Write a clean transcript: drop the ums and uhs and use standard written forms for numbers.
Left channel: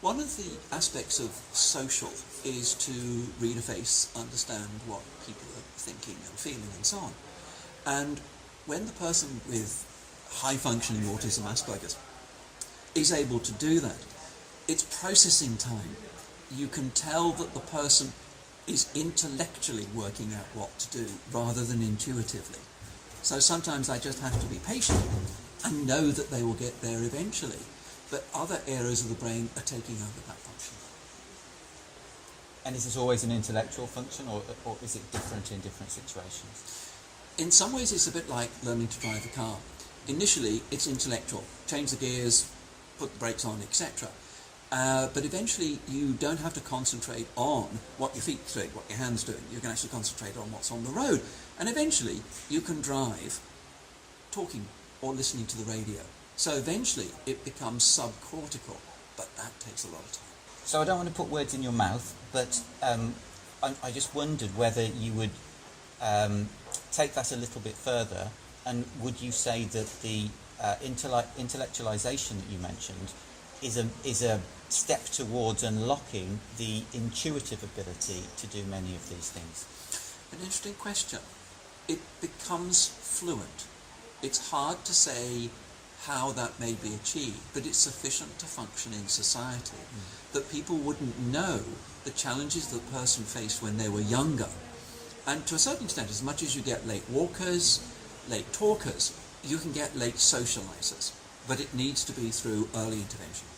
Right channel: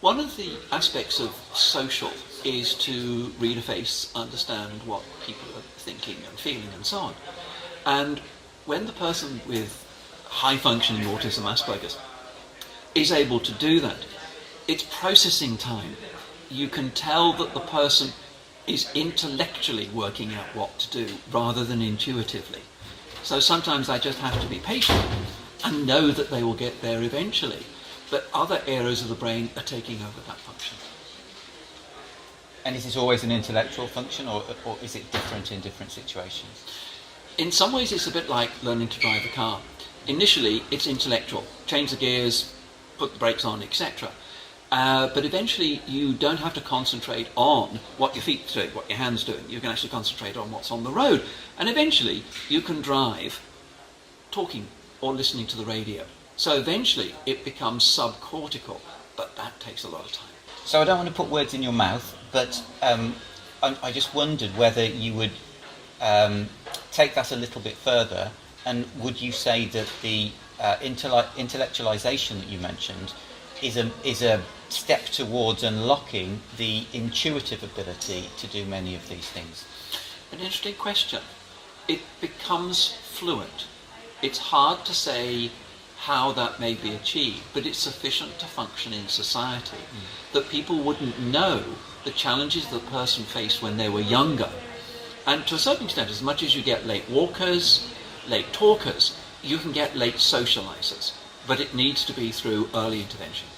One of the aspects of social is to read a face, understand what people are thinking and feeling and so on. And when the person with high-functioning autism, Asperger's, is able to do that, it's processing time. You can tell that the person is intellectually working out what to do rather than intuitively. So sometimes I just have to be patient and know that they will get there eventually. But other areas of the brain are taking over that function. And is this always an intellectual function, or is it different in different situations? In some ways it's a bit like learning to drive a car. Initially it's intellectual, change the gears, put the brakes on, etc. But eventually you don't have to concentrate on what your feet's doing, what your hand's doing. You can actually concentrate on what's on the road. And eventually you can drive talking or listening to the radio. So eventually it becomes subcortical, but that takes a lot of time. So I don't want to put words in your mouth, but I just wondered whether you would take that a little bit further, and would you say that the intellectualization that you mentioned is a step towards unlocking the intuitive ability to do many of these things? An interesting question. It becomes fluent. It's hard to say how that may be achieved, but it's sufficient to function in society. That people wouldn't know the challenges the person faced when they were younger. And to a certain extent, as much as you get late walkers, late talkers, you can get late socializers. But it needs to be through early intervention.